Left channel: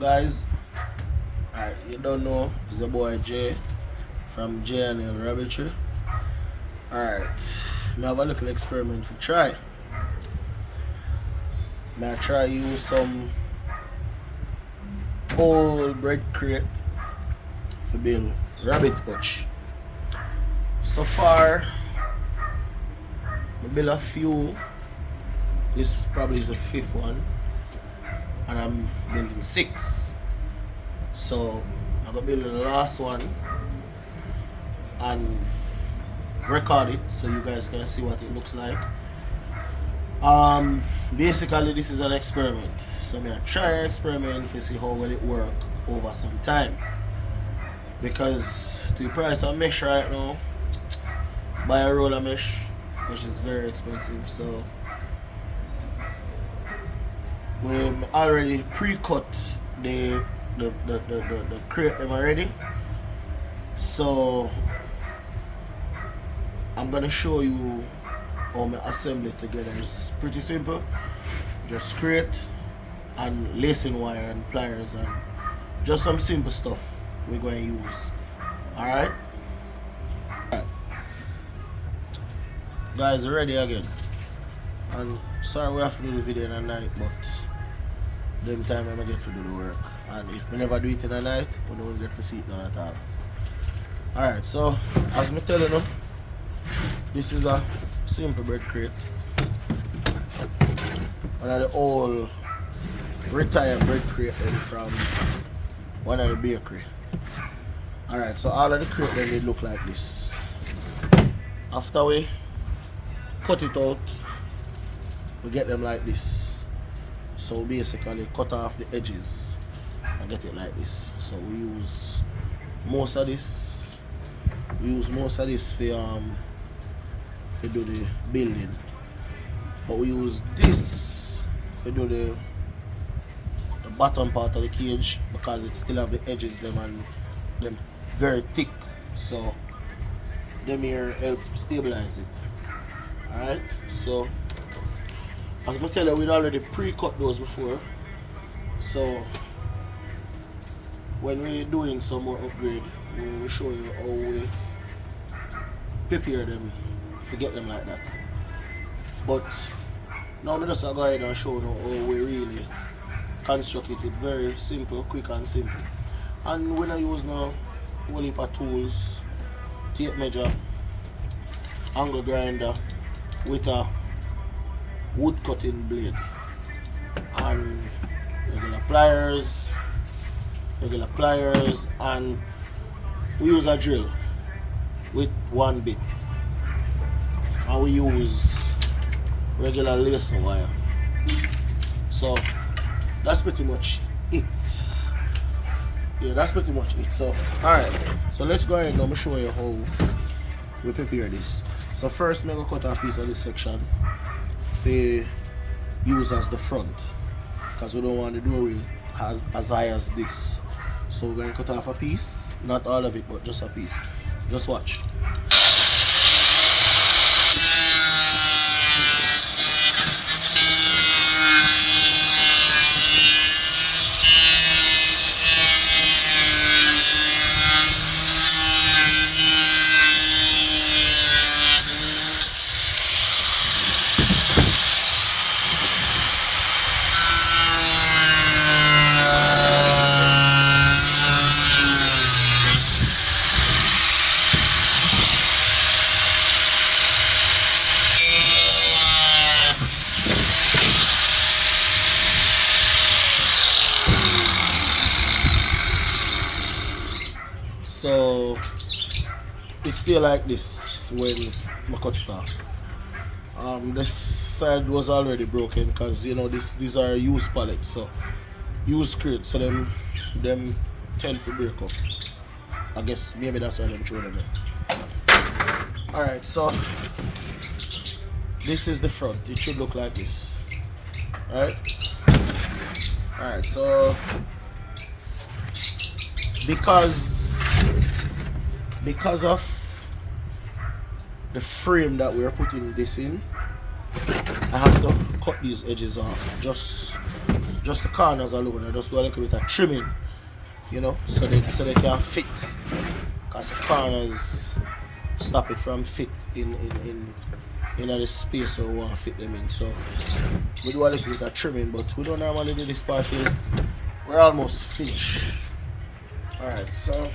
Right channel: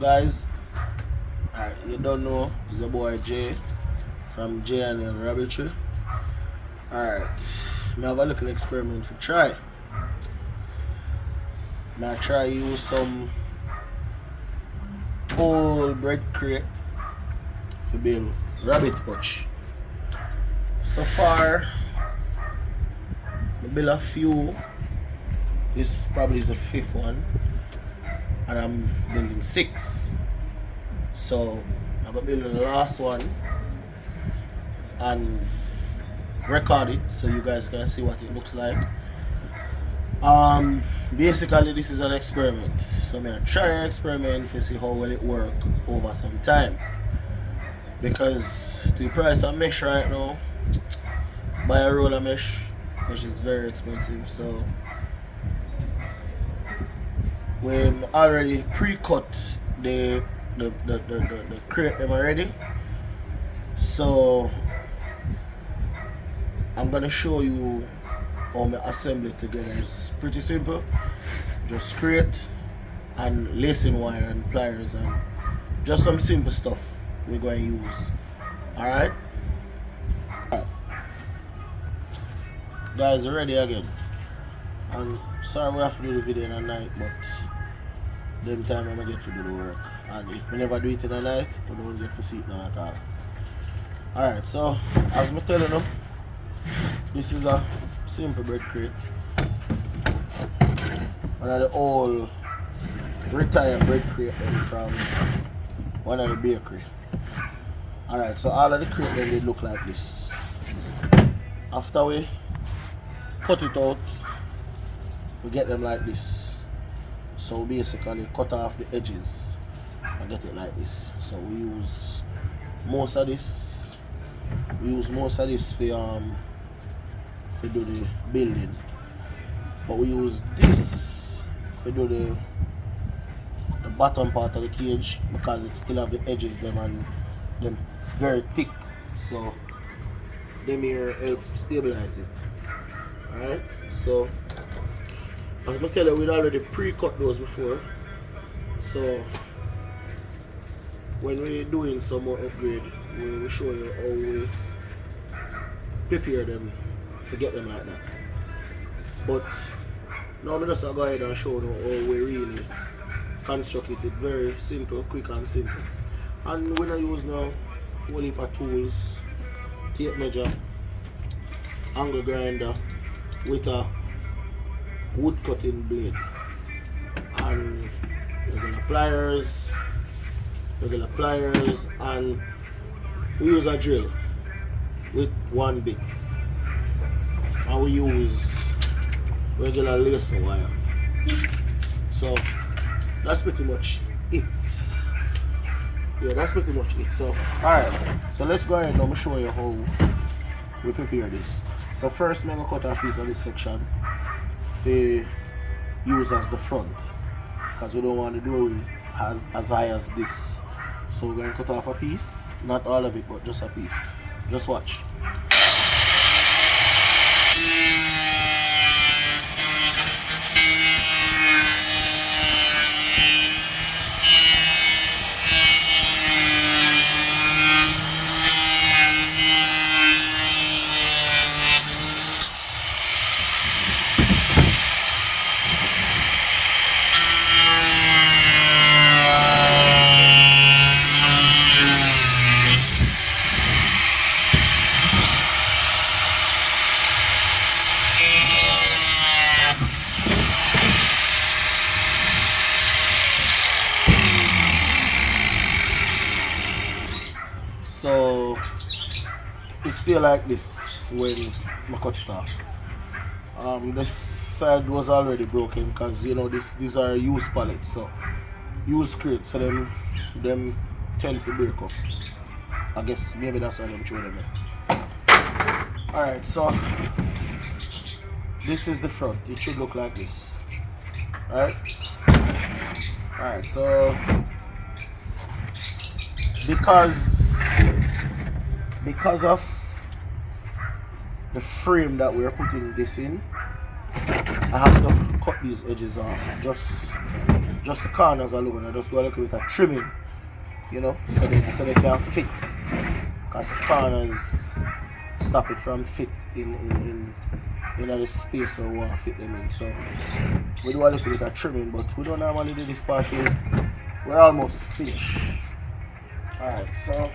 Guys, alright, you don't know, it's the boy Jay from Jay and the Rabbitry. Alright, I have a little experiment for try. I try use some old bread crate to build rabbit hutch. So far, I build a few. This probably is the fifth one, and I'm building 6. So I'm gonna build the last one and record it so you guys can see what it looks like. Basically this is an experiment. So I'm gonna try an experiment to see how well it work over some time. Because the price of mesh right now, buy a roll of mesh, which is very expensive. So we already pre-cut the crate them already. So I'm gonna show you how I assemble it together. It's pretty simple. Just crate and lacing wire and pliers and just some simple stuff we're going to use. Alright? Guys, we're ready again. And sorry we have to do the video in the night, but then time I don't get to do the work. And if we never do it in the night, we don't get to see it now at all. Alright, so as I tell you, this is a simple bread crate. One of the old retired bread crate from one of the bakery. Alright, so all of the crate then they look like this. After we cut it out, we get them like this. So basically cut off the edges and get it like this. So we use most of this. We use most of this for do the building, but we use this for do the bottom part of the cage because it still have the edges them and them very thick, so them here help stabilize it. Alright, so as I tell you, we'd already pre-cut those before, so when we're doing some more upgrade, we will show you how we prepare them to get them like that. But now I'm just going to go ahead and show you how we really construct it. It's very simple, quick and simple. And when I use now a whole heap of tools, tape measure, angle grinder with a wood cutting blade, and regular pliers, and we use a drill with one bit. And we use regular lacer wire. So that's pretty much it. Yeah, that's pretty much it. So alright, so let's go ahead and I'm gonna show you how we prepare this. So first I'm gonna cut off a piece of this section to use as the front, because we don't want the doorway as high as this. So we're gonna cut off a piece, not all of it, but just a piece. Just watch. So it's still like this when I cut it off. This side was already broken because you know these are used pallets, so used crates, so them tend to break up. I guess maybe that's why I'm throwing them. Alright, so this is the front. It should look like this. Alright, so because of the frame that we're putting this in, I have to cut these edges off just just the corners alone. I just do a little bit of trimming, you know, so they can fit. Because the corners stop it from fit in the space where we want to fit them in. So we do a little bit of trimming, but we don't normally do this part here. We're almost finished. Alright, so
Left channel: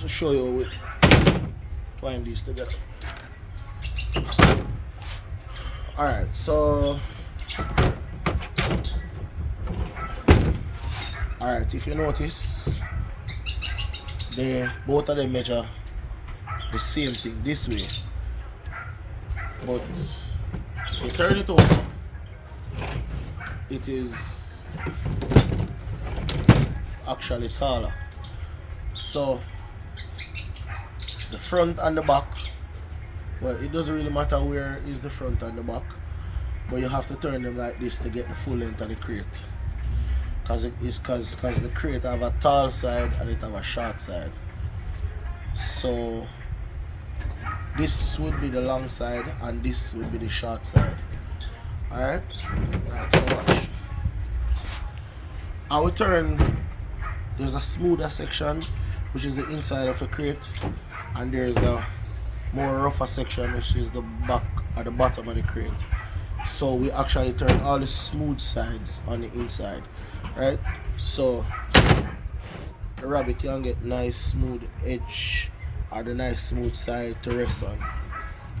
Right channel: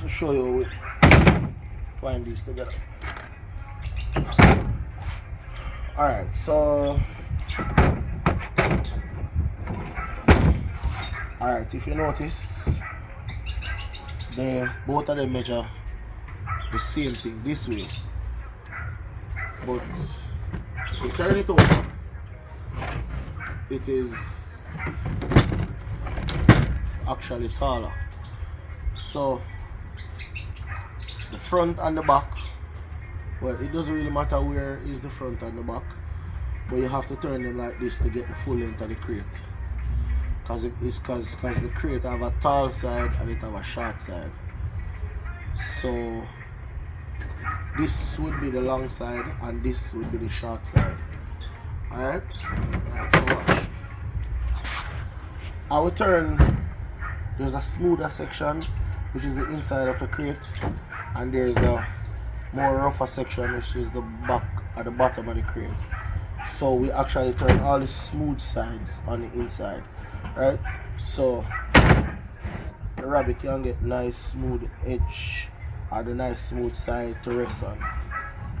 to show you how we twine these together. Alright, so alright, if you notice, both of them measure the same thing this way, but if you turn it over, it is actually taller. So the front and the back, well, it doesn't really matter where is the front and the back, but you have to turn them like this to get the full length of the crate. Because the crate have a tall side and it have a short side. So this would be the long side and this would be the short side. Alright? So watch. I will turn, there's a smoother section which is the inside of the crate, and there's a more rougher section which is the back at the bottom of the crate. So we actually turn all the smooth sides on the inside, right? So the rabbit can get nice smooth edge or the nice smooth side to rest on.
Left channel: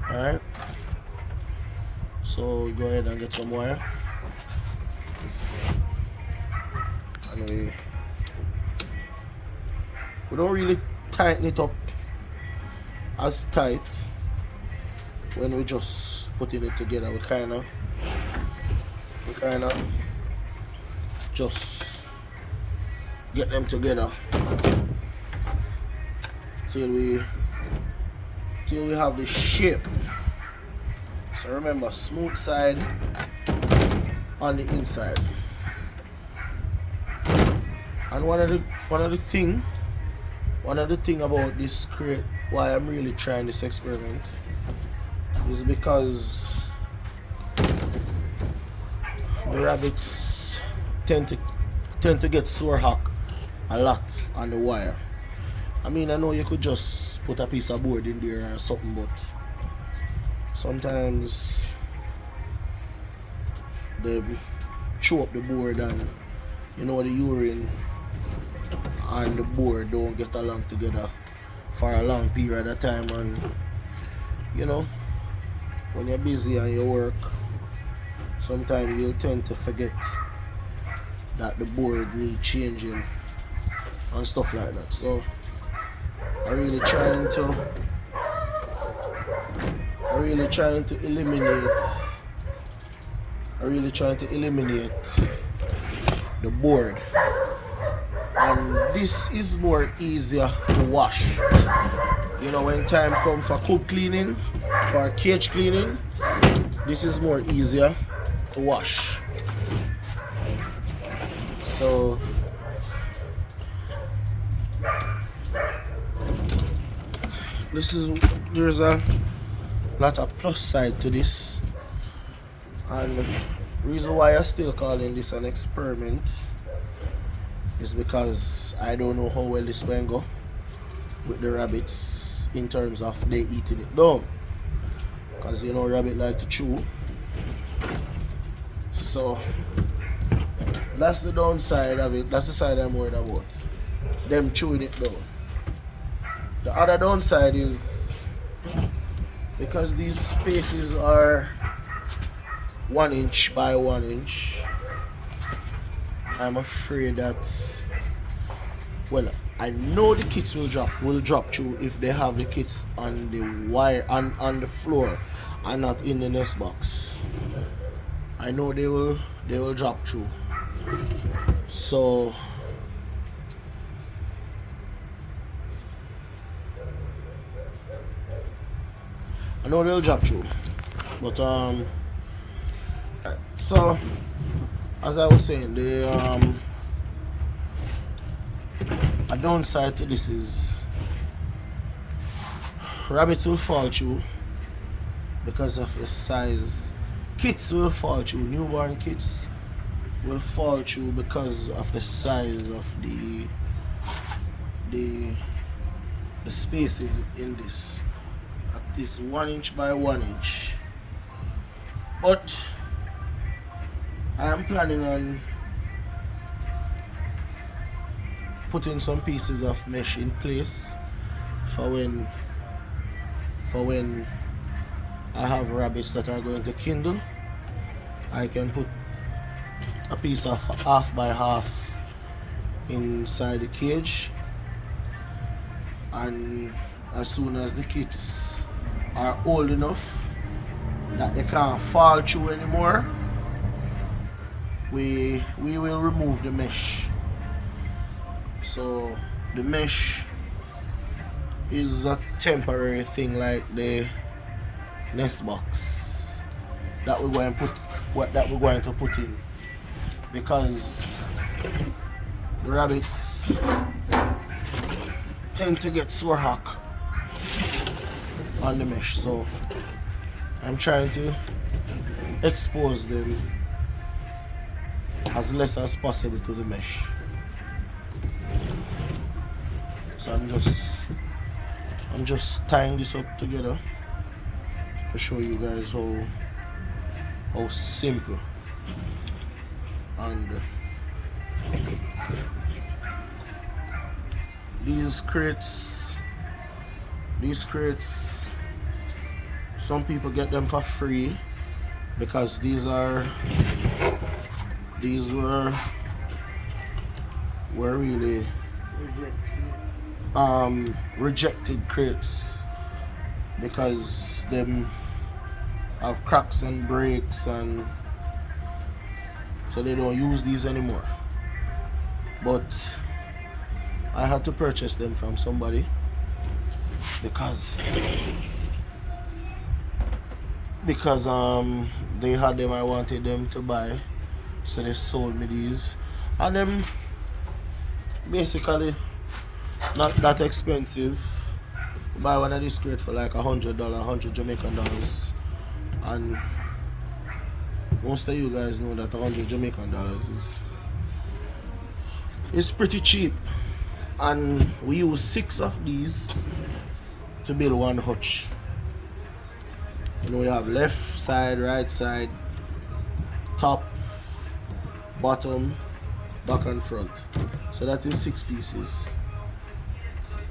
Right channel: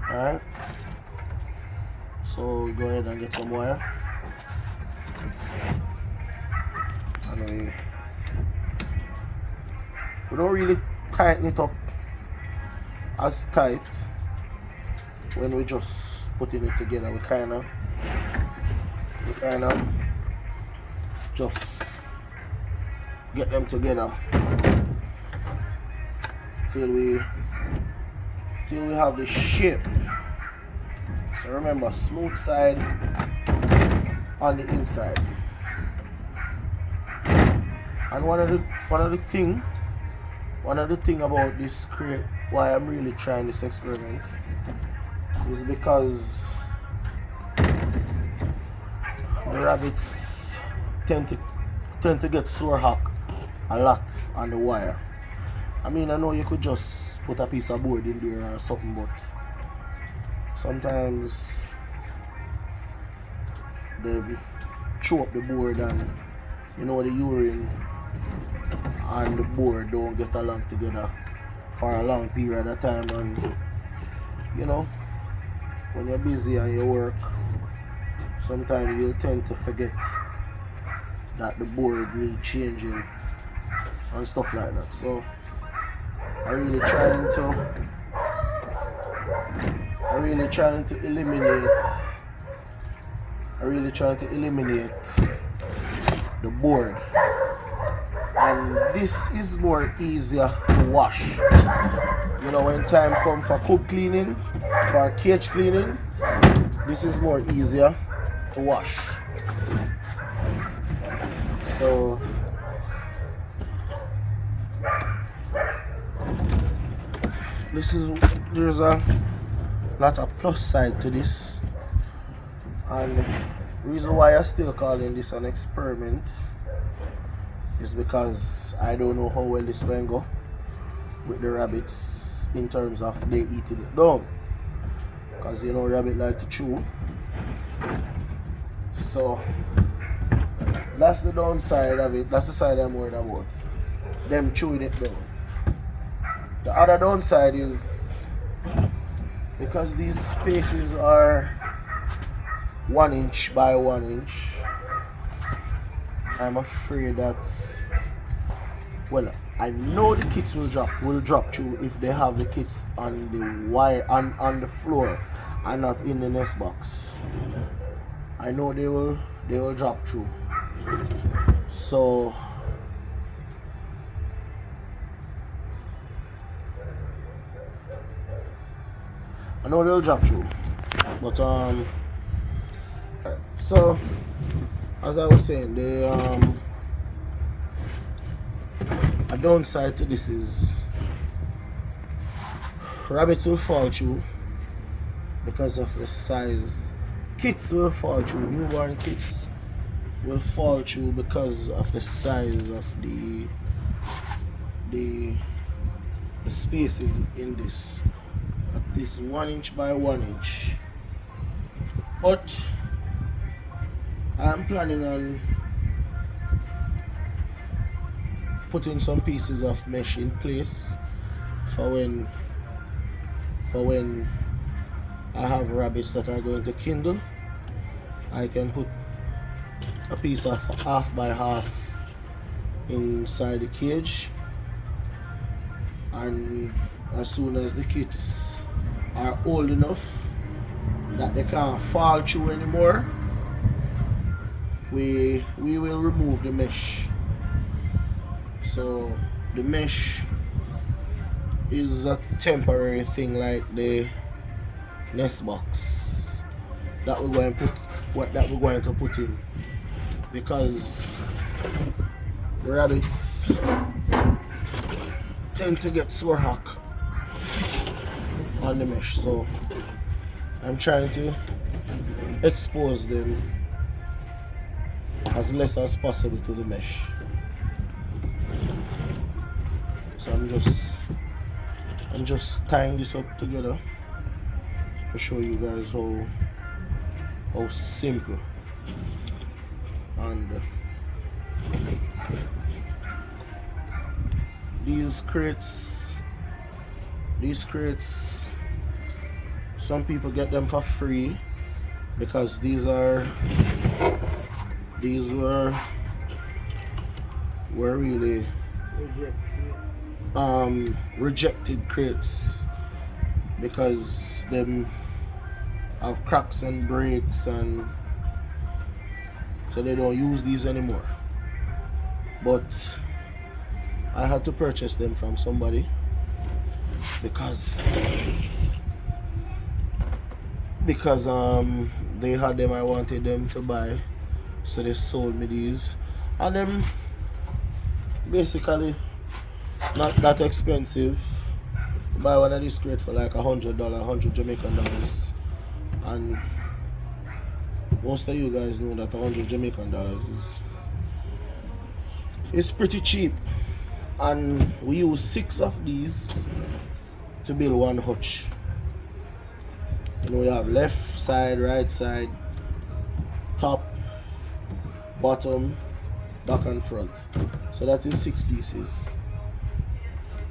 Alright, so go ahead and get some wire, and we don't really tighten it up as tight when we just putting it together. We kind of just get them together till we have the shape. So remember, smooth side on the inside. And one of the thing about this crate, why I'm really trying this experiment, is because the rabbits tend to get sore hack a lot on the wire. I mean, I know you could just put a piece of board in there or something, but sometimes they chew up the board, and you know, the urine and the board don't get along together for a long period of time. And you know, when you're busy and you work, sometimes you tend to forget that the board needs changing and stuff like that. So I'm really trying to eliminate the board, and this is more easier to wash. You know, when time comes for coop cleaning, for cage cleaning, this is more easier to wash. So there's a lot of plus side to this, and the reason why I'm still calling this an experiment is because I don't know how well this will go with the rabbits in terms of they eating it down, because you know, rabbit like to chew. So that's the downside of it. That's the side I'm worried about, them chewing it down. The other downside is because these spaces are 1 inch by 1 inch, I'm afraid that, well, I know the kits will drop through if they have the kits on the wire, on the floor and not in the nest box. I know they will drop through. So I know they'll drop through, but so as I was saying, a downside to this is rabbits will fall through because of the size Kits will fall through, newborn kits will fall through because of the size of the spaces in this. At this 1 inch by 1 inch. But I am planning on putting some pieces of mesh in place for when I have rabbits that are going to kindle. I can put a piece of half by half inside the cage, and as soon as the kids are old enough that they can't fall through anymore, we will remove the mesh. So the mesh is a temporary thing, like the nest box that we're going to put in, because the rabbits tend to get sore hock on the mesh. So I'm trying to expose them as less as possible to the mesh. So I'm just tying this up together to show you guys how simple. And these crates, some people get them for free because these were really rejected crates, because them have cracks and breaks, and so they don't use these anymore. But I had to purchase them from somebody because they had them, I wanted them to buy, so they sold me these. And them basically not that expensive. Buy one of these crates for like $100, 100 Jamaican dollars. And most of you guys know that 100 Jamaican dollars is pretty cheap. And we use 6 of these to build one hutch. You know, we have left side, right side, top, bottom, back and front. So that is 6 pieces.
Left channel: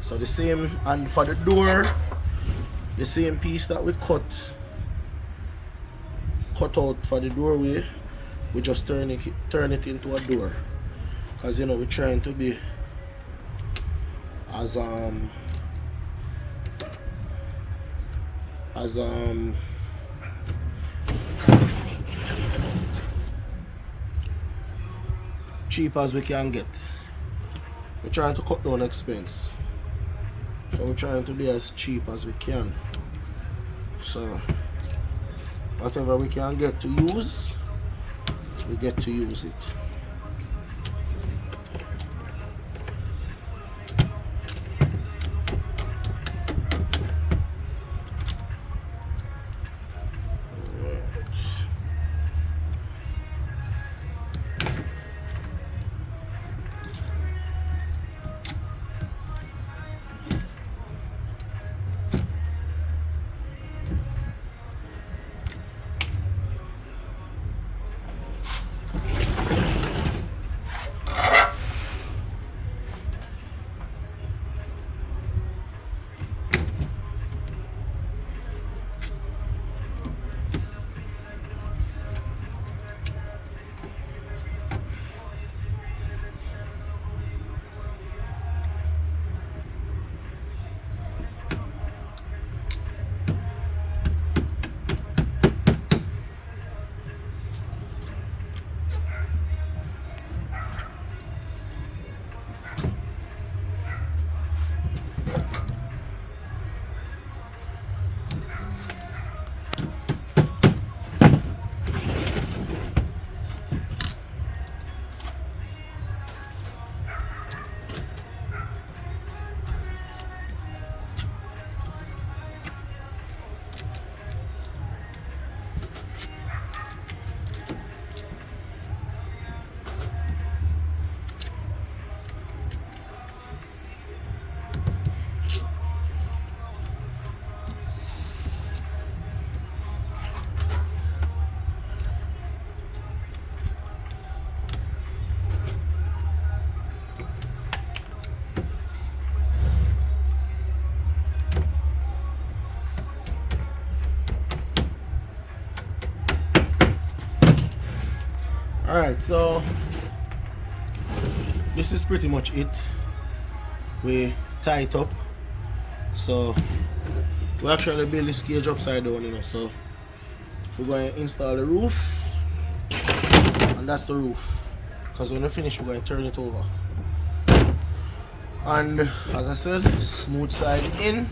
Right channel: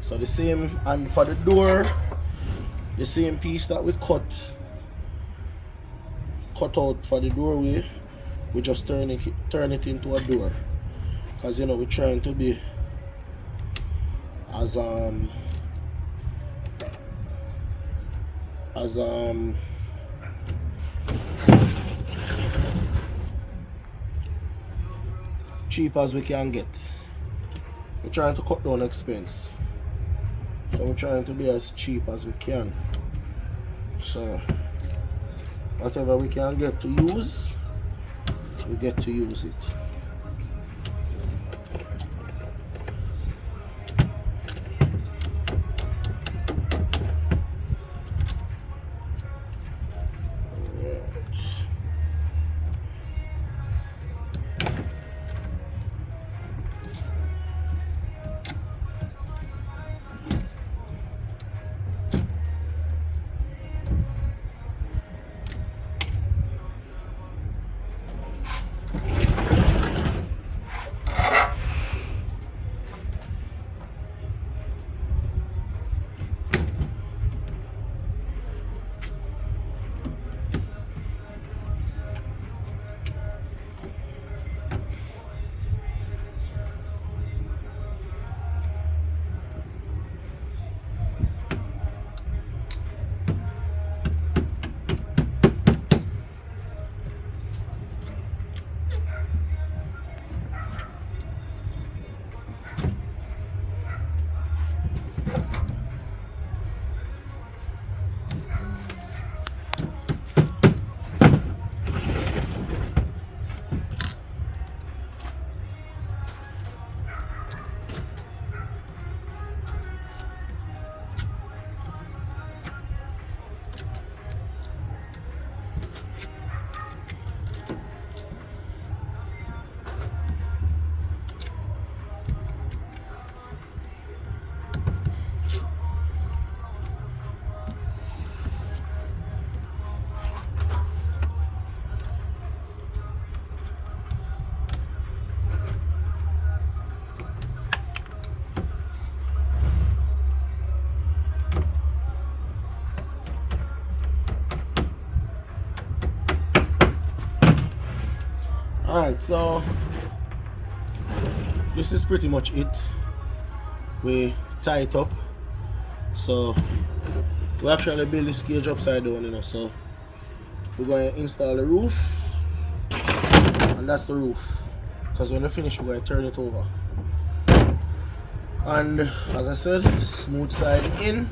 So the same, and for the door, the same piece that we cut out for the doorway, we just turn it into a door, because you know we're trying to be as cheap as we can get. We're trying to cut down expense, so we're trying to be as cheap as we can. So whatever we can get to use, we get to use it. Alright, so this is pretty much it. We tie it up. So we actually build this cage upside down, you know. So we're going to install the roof, and that's the roof. Because when we finish, we're going to turn it over. And as I said, smooth side in,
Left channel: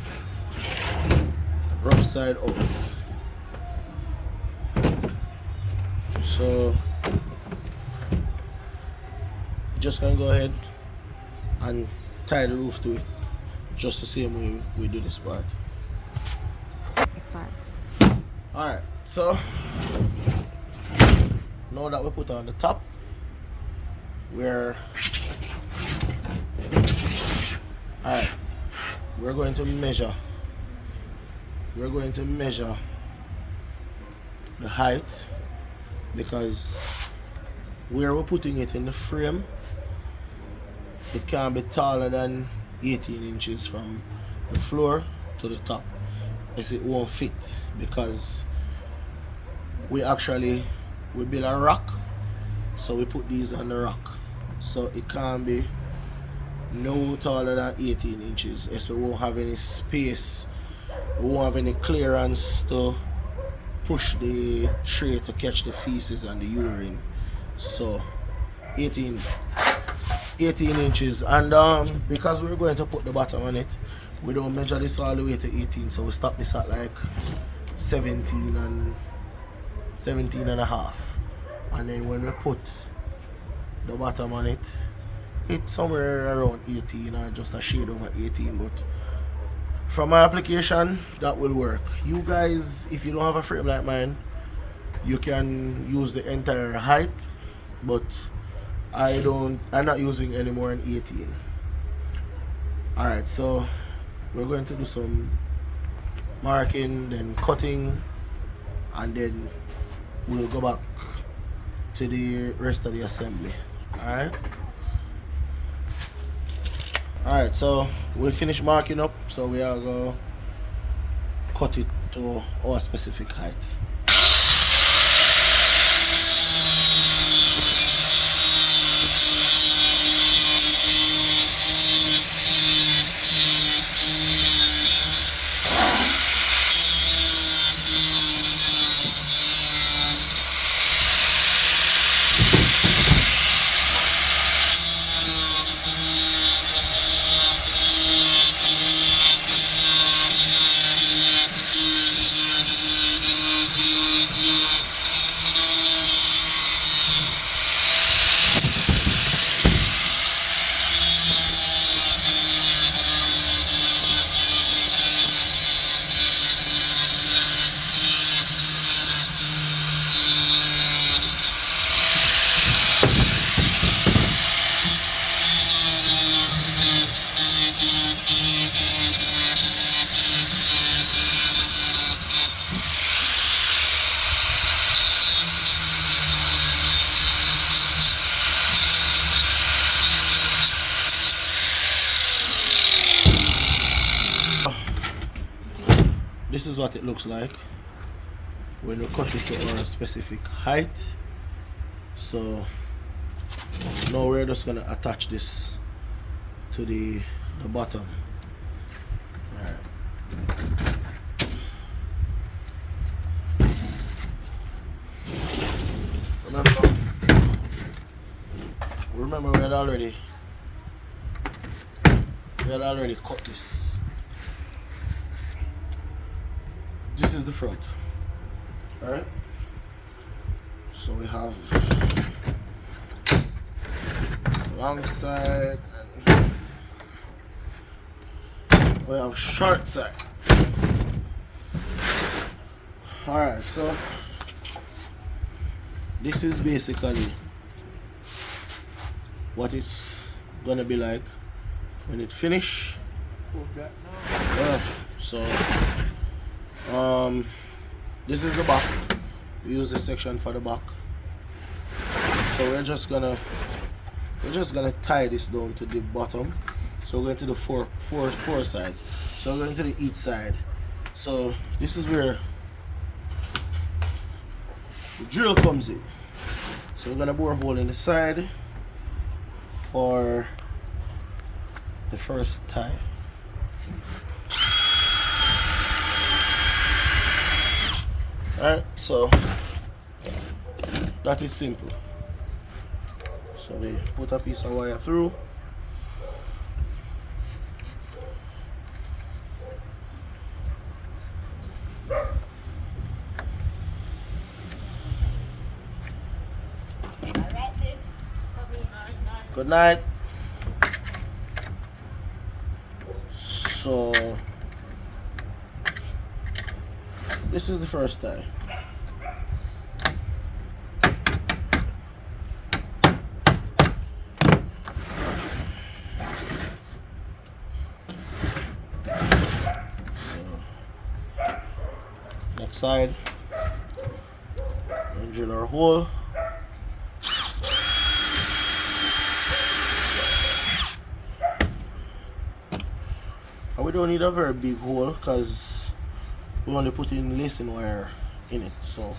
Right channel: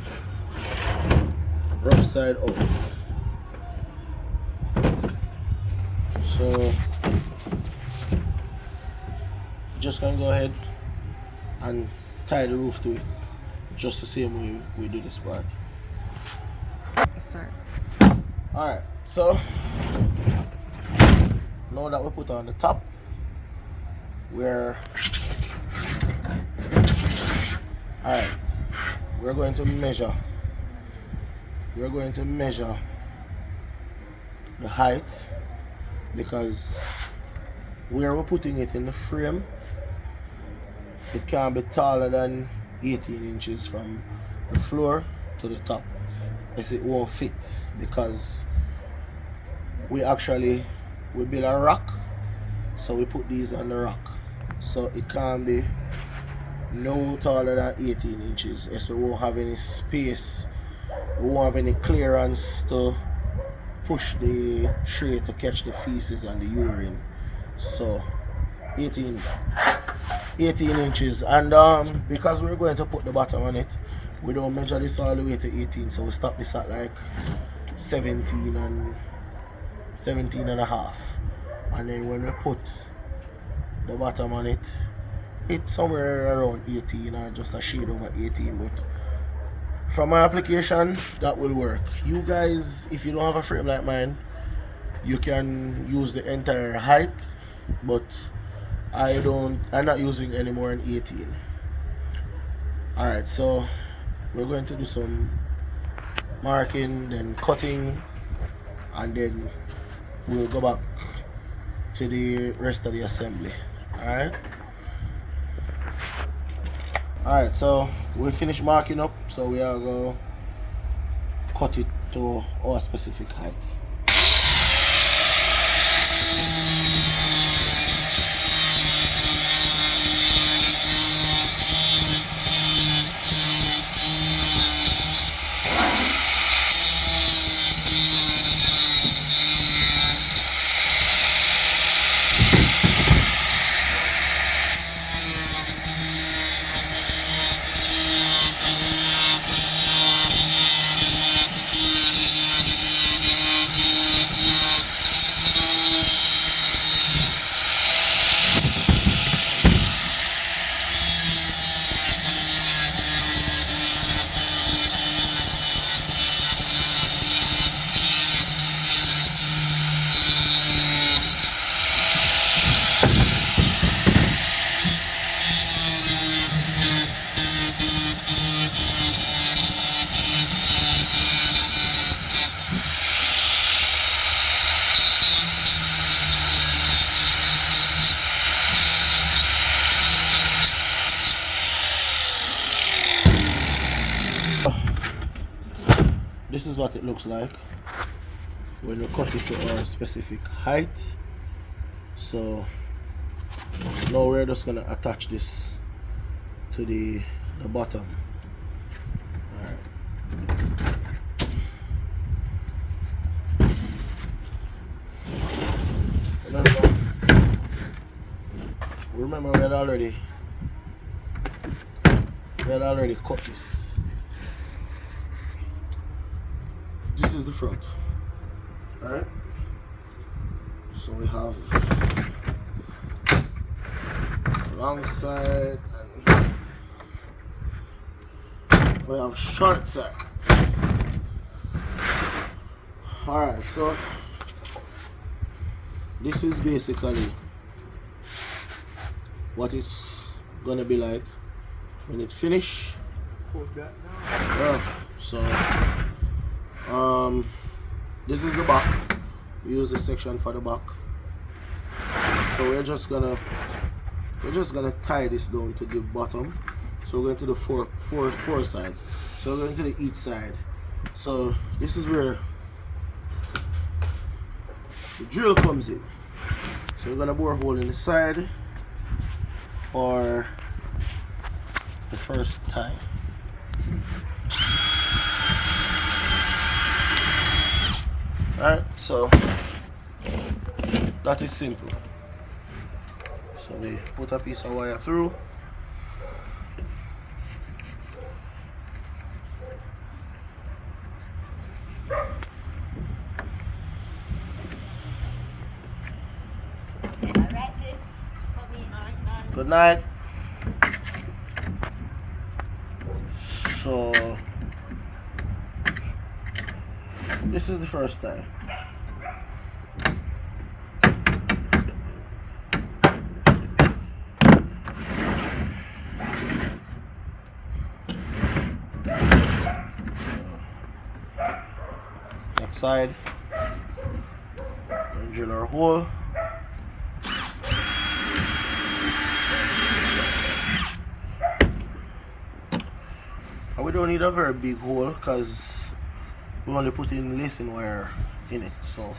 rough side out. So just gonna go ahead and tie the roof to it, just the same way we do this part. Alright, so now that we put on the top, we're going to measure. We're going to measure the height, because where we're putting it in the frame, it can't be taller than 18 inches from the floor to the top, as it won't fit, because we build a rock, so we put these on the rock, so it can't be no taller than 18 inches, as we won't have any space, we won't have any clearance to push the tray to catch the feces and the urine. So 18 inches, and because we're going to put the bottom on it, we don't measure this all the way to 18, so we stop this at like 17 and a half, and then when we put the bottom on it, it's somewhere around 18 or just a shade over 18. But from my application, that will work. You guys, if you don't have a frame like mine, you can use the entire height, but I'm not using any more than 18. Alright, so we're going to do some marking, then cutting, and then we'll go back to the rest of the assembly. Alright, so we finished marking up, so we are going to cut it to our specific height. This is what it looks like when we cut it to our specific height. So now we're just gonna attach this to the bottom. Alright. Remember we had already cut this. This is the front. Alright. So we have long side and we have short side. Alright, so this is basically what it's gonna be like when it finish. Yeah, so this is the back. We use this section for the back. So we're just gonna tie this down to the bottom. So we're going to the four sides. So we're going to the each side. So this is where the drill comes in. So we're gonna bore a hole in the side for the first time. Alright, so that is simple. So we put a piece of wire through. Good night. So this is the first time. Next side, and drill our hole. And we don't need a very big hole because we only put in lacing wire in it, so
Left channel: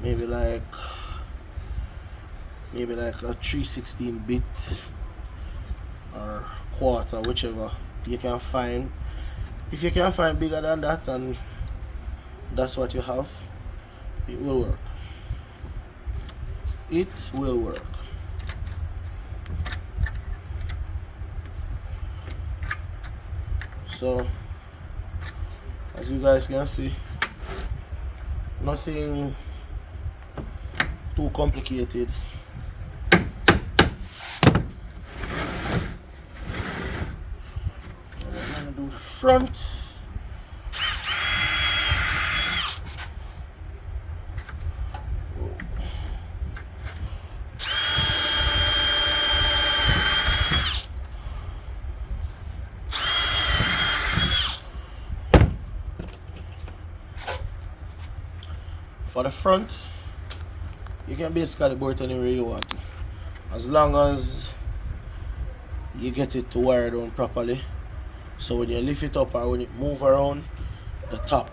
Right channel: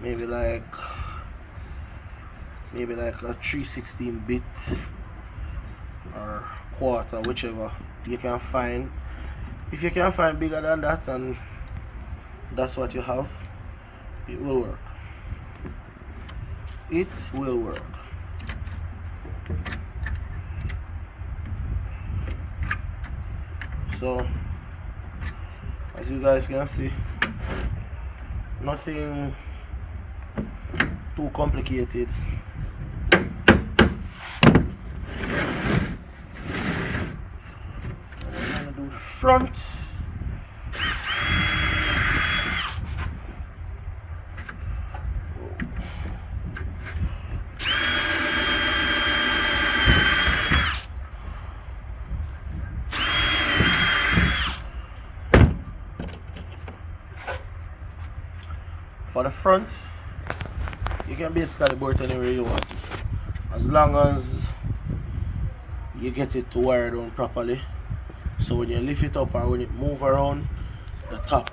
maybe like a 3/16 bit or quarter, whichever you can find. If you can find bigger than that and that's what you have, it will work. It will work. So as you guys can see, nothing too complicated. And we're gonna do the front. For the front, you can basically bore it anywhere you want, as long as you get it to wire down properly. So when you lift it up or when it move around, the top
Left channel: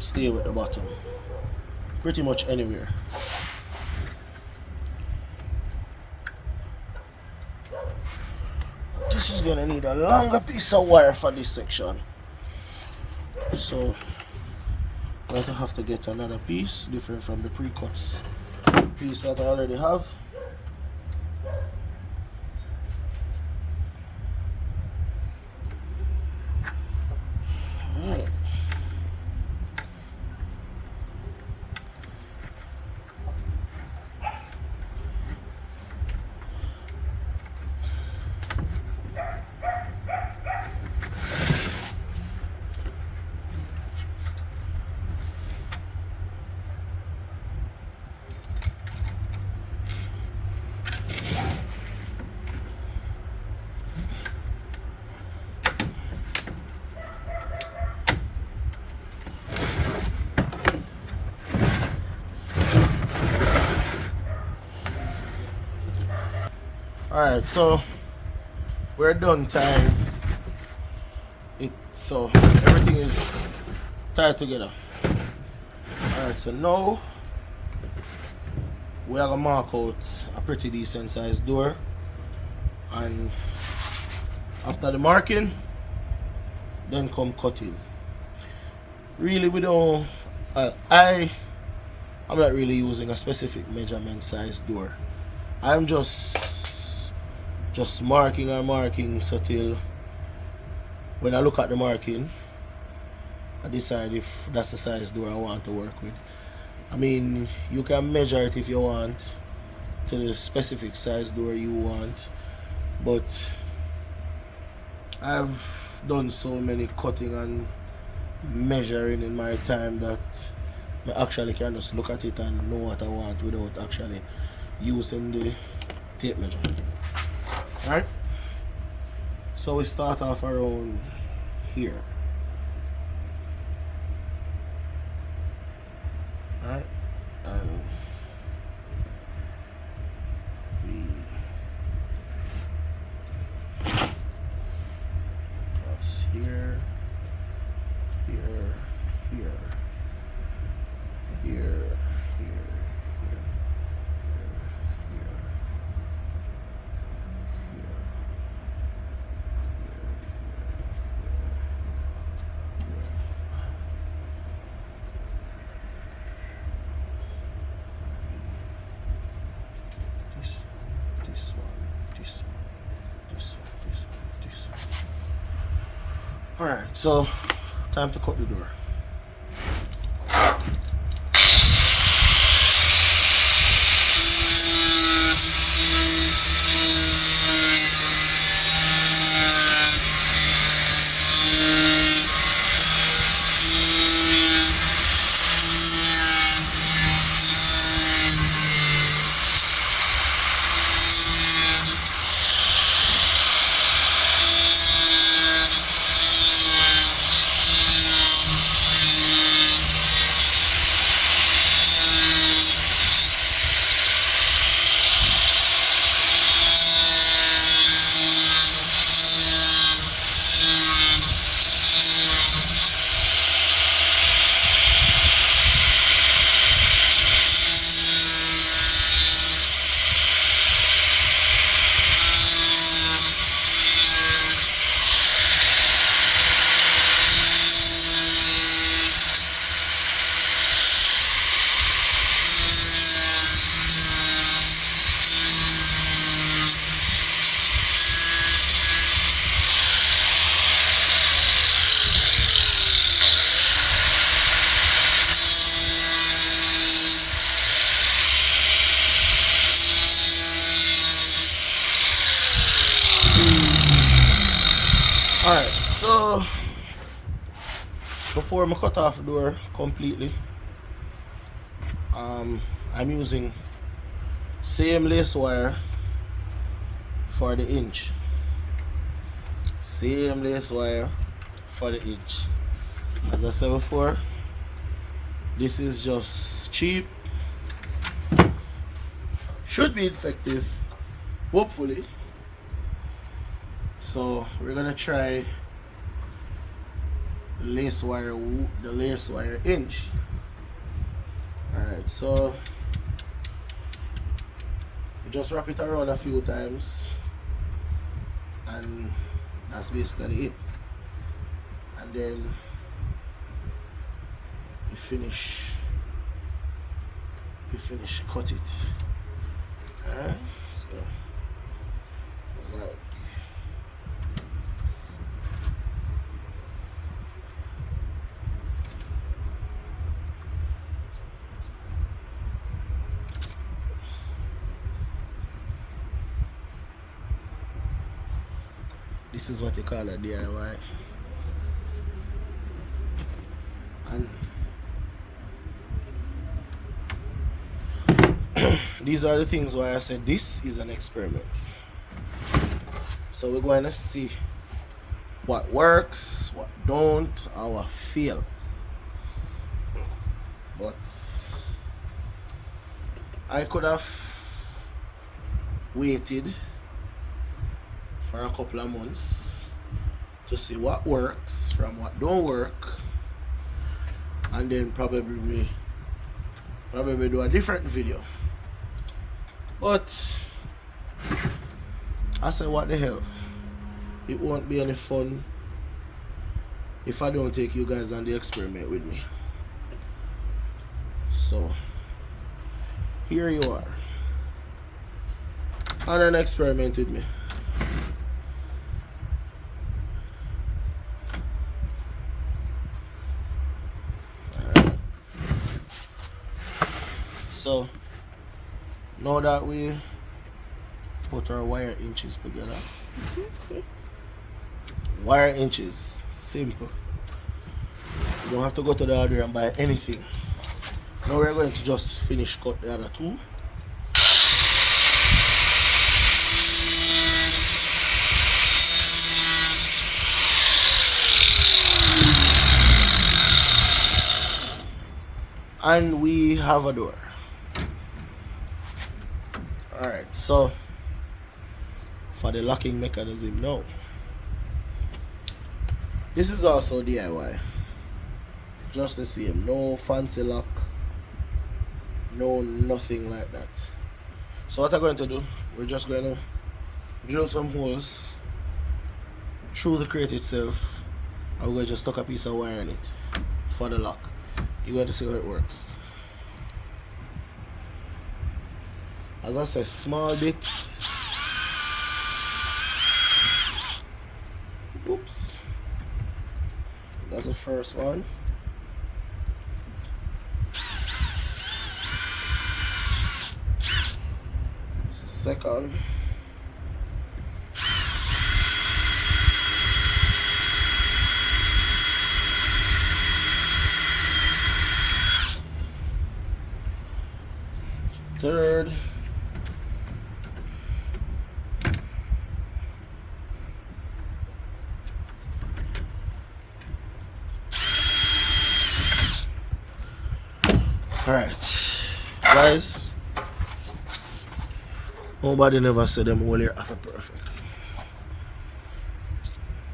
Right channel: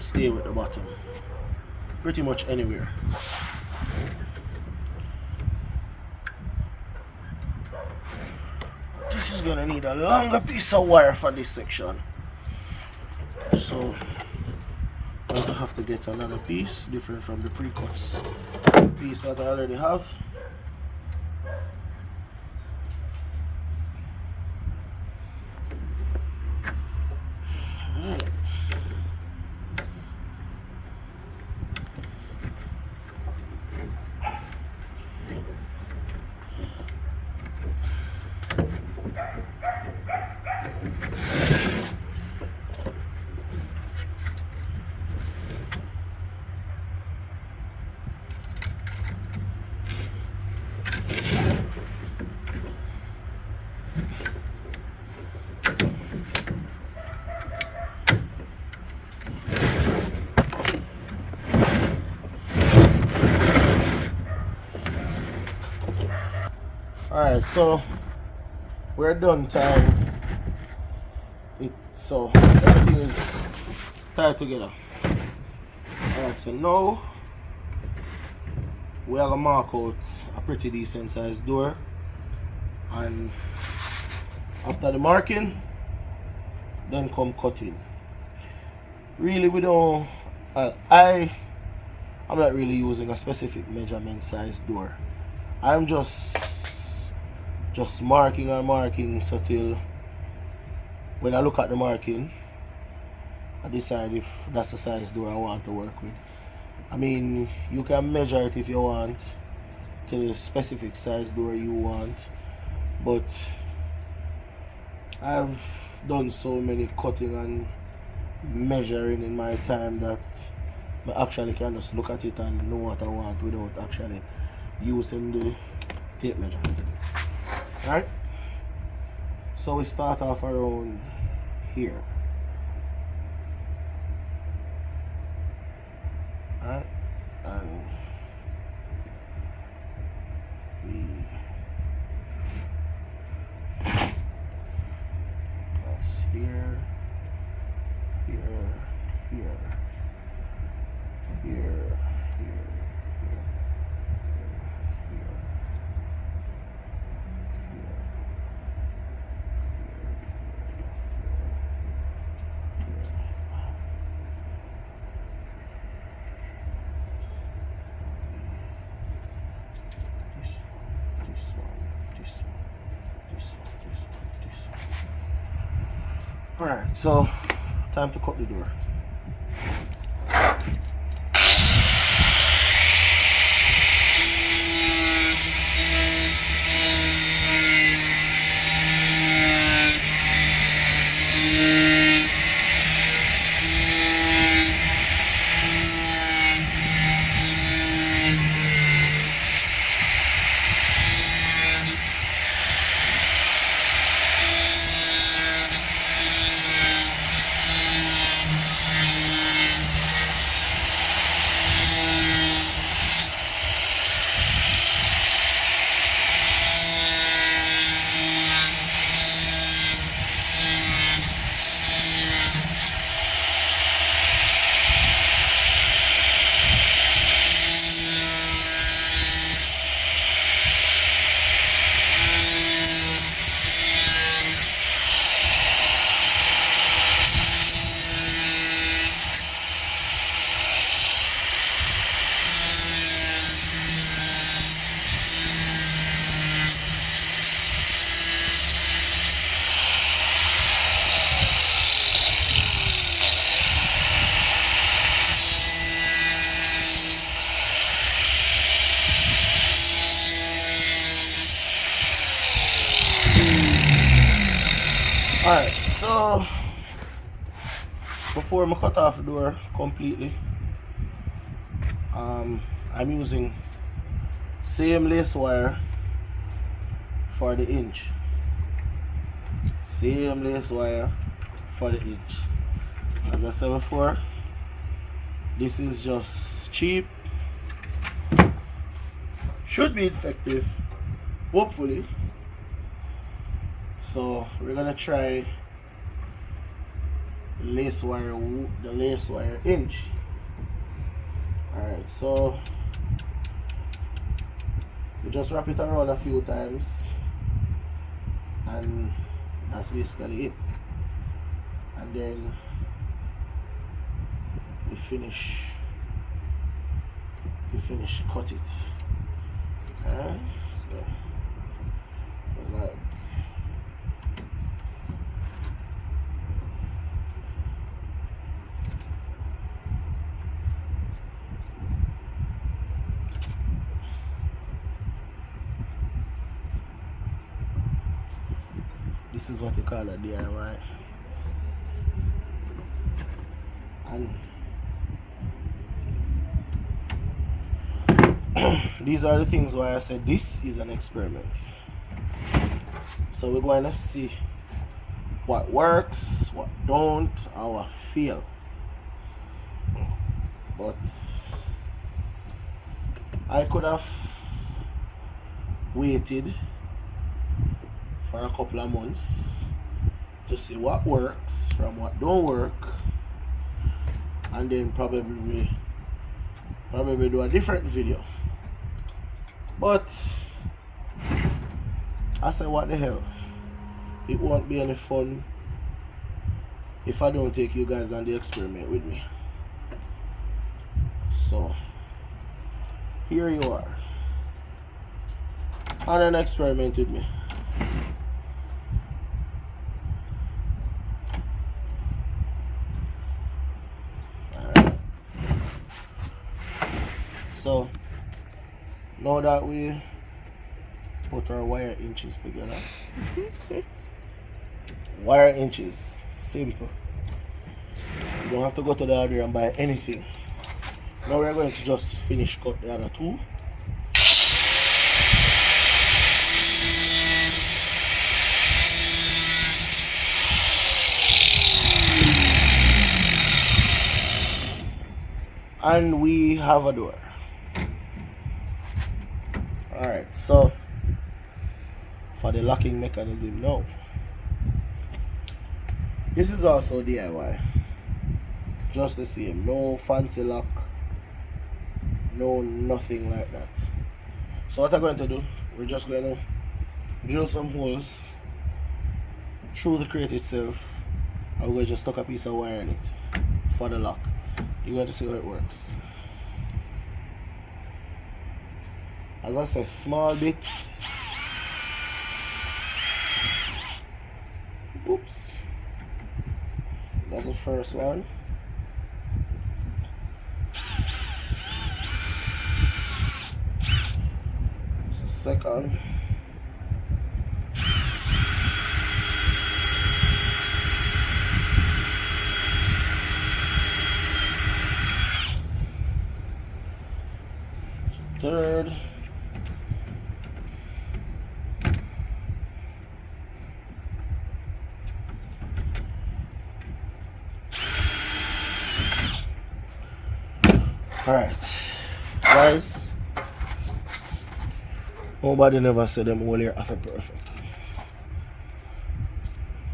stay with the bottom. Pretty much anywhere. This is gonna need a longer piece of wire for this section. So I'm going to have to get another piece different from the pre-cuts piece that I already have. Alright, so we're done tying it, so everything is tied together. Alright, so now we are gonna mark out a pretty decent sized door, and after the marking, then come cutting. Really, we don't. I'm not really using a specific measurement size door. I'm just marking and marking, so till when I look at the marking, I decide if that's the size door I want to work with. I mean, you can measure it if you want to the specific size door you want, but I've done so many cutting and measuring in my time that I actually can just look at it and know what I want without actually using the tape measure. Alright, so we start off around here. Alright, and that's here, here, here, here, here, here. Alright, so time to cut the door. Alright, so before I cut off the door completely, I'm using same lace wire for the inch. Same lace wire for the inch. As I said before, this is just cheap. Should be effective, hopefully. So we're gonna try the lace wire inch. Alright, so we just wrap it around a few times, and that's basically it. And then we finish cut it. So like this is what they call a DIY. And these are the things why I said this is an experiment. So we're going to see what works, what don't, how I feel. But I could have waited for a couple of months to see what works from what don't work, and then probably do a different video. But I said, what the hell, it won't be any fun if I don't take you guys on the experiment with me. So here you are on an experiment with me. So now that we put our wire inches together, wire inches, simple. You don't have to go to the other and buy anything. Now we're going to just finish cut the other two. And we have a door. Alright, so for the locking mechanism now, this is also DIY, just the same, no fancy lock, no nothing like that. So what I'm going to do, we're just going to drill some holes through the crate itself, and we're going to just tuck a piece of wire in it for the lock. You're going to see how it works. As I say, small bits. Oops. That's the first one. That's the second. Third. Alright, guys, nobody never said them all here after perfect.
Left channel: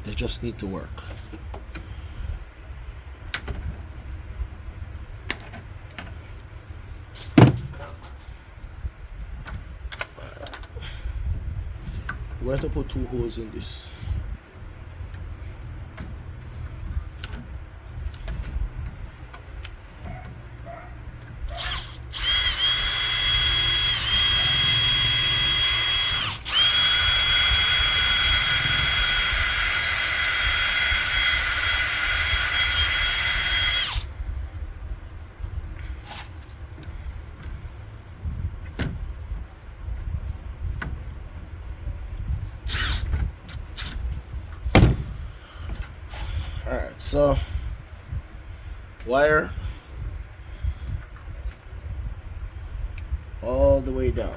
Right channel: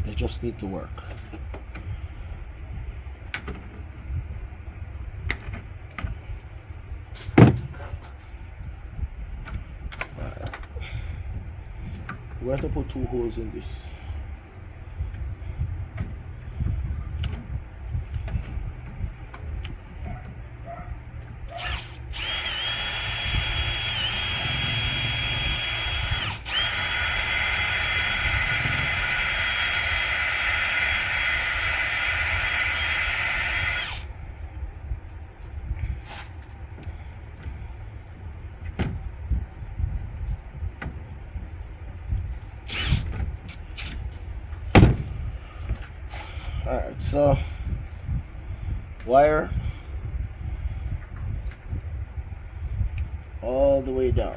They just need to work. We're going to put 2 holes in this. Alright, so wire all the way down.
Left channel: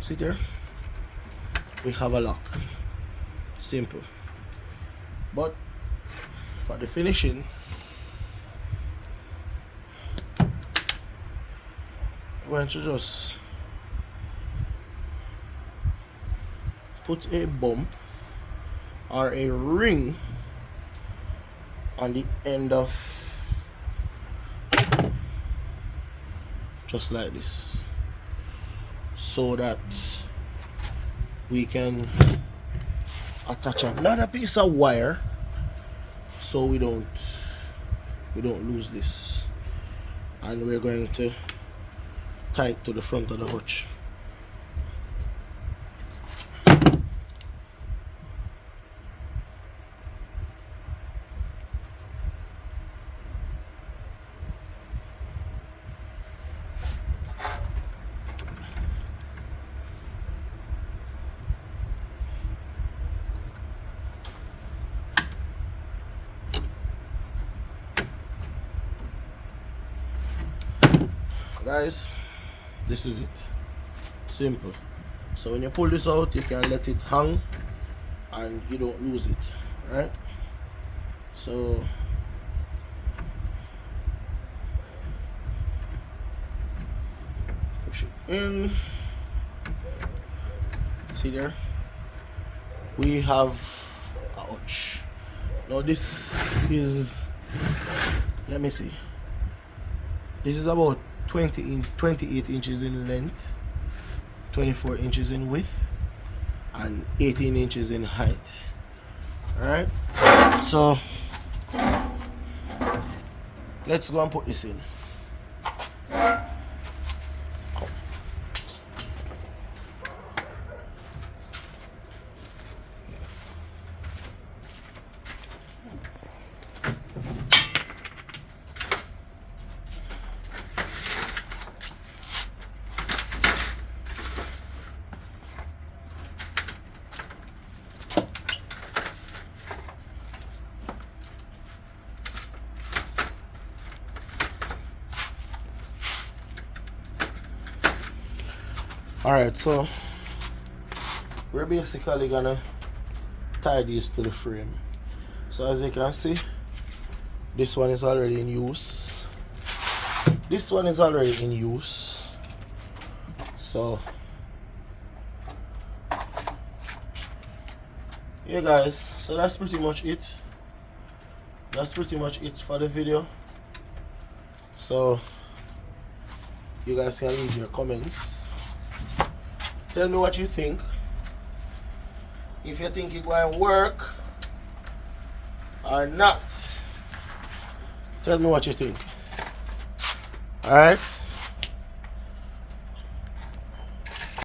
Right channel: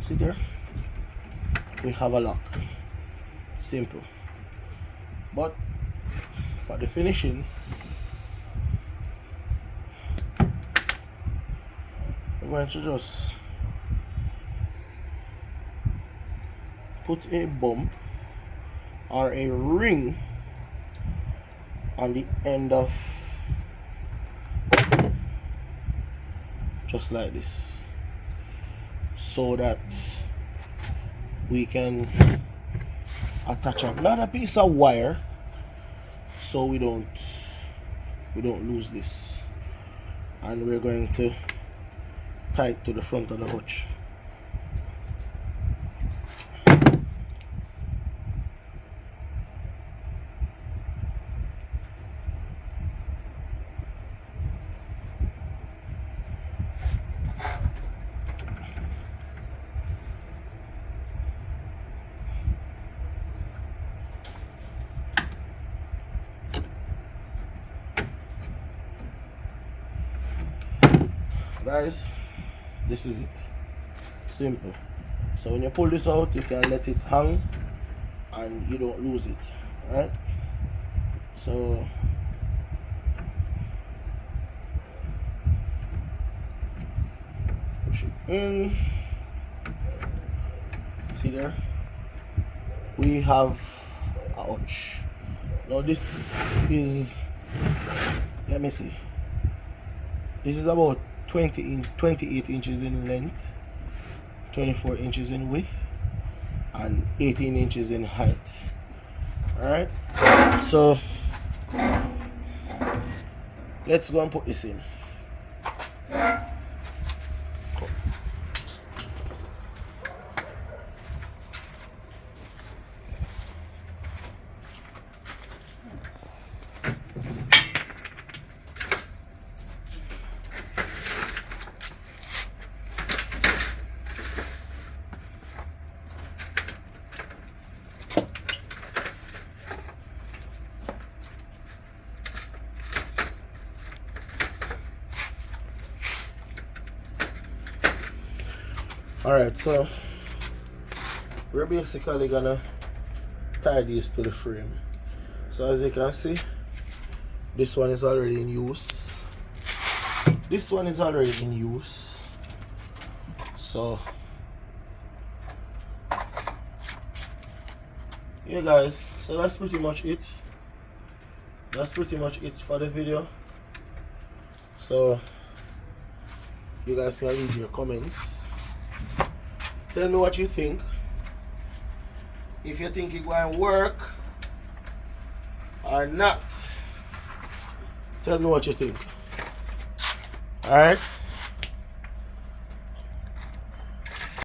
See there? We have a lock. Simple. But for the finishing, we're going to just put a bump or a ring on the end of, just like this, so that we can attach another piece of wire so we don't lose this, and we're going to tie it to the front of the hutch. Guys, this is it. Simple. So when you pull this out, you can let it hang and you don't lose it. Right? So push it in. See there? We have a hutch. Now this is, let me see. This is about 28 inches in length, 24 inches in width, and 18 inches in height. Alright, so let's go and put this in. Alright, so we're basically gonna tie these to the frame. So as you can see, this one is already in use. This one is already in use. So yeah guys, so that's pretty much it. That's pretty much it for the video. So you guys can leave your comments. Tell me what you think. If you think it's going to work or not. Tell me what you think. Alright?